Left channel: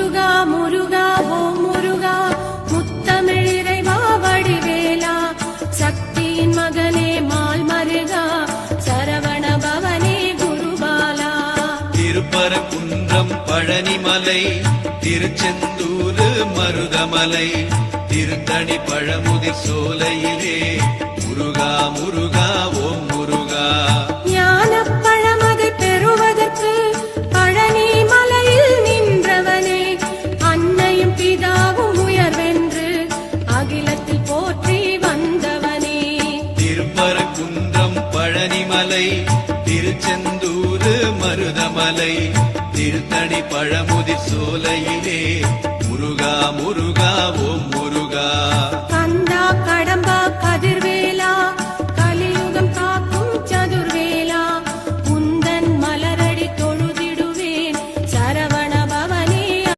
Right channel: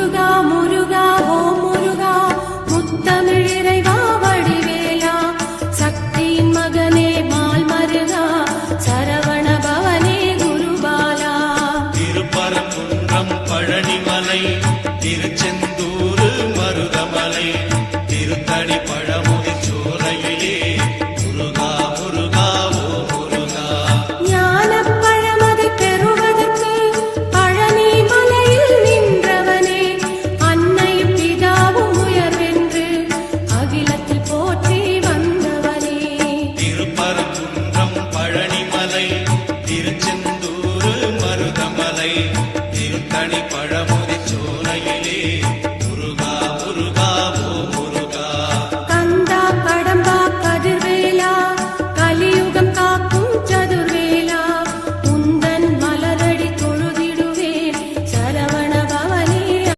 முருகா முருகா ஓ முருகா முத்தமிழிறைவா வடிவேலா சக்தியின் மகனே மால் மருகா சரவண பவனே குருபாலா திருப்பரங்குன்றம் பழனிமலை திருச்செந்தூர் மருகமலை திருத்தணி பழமோ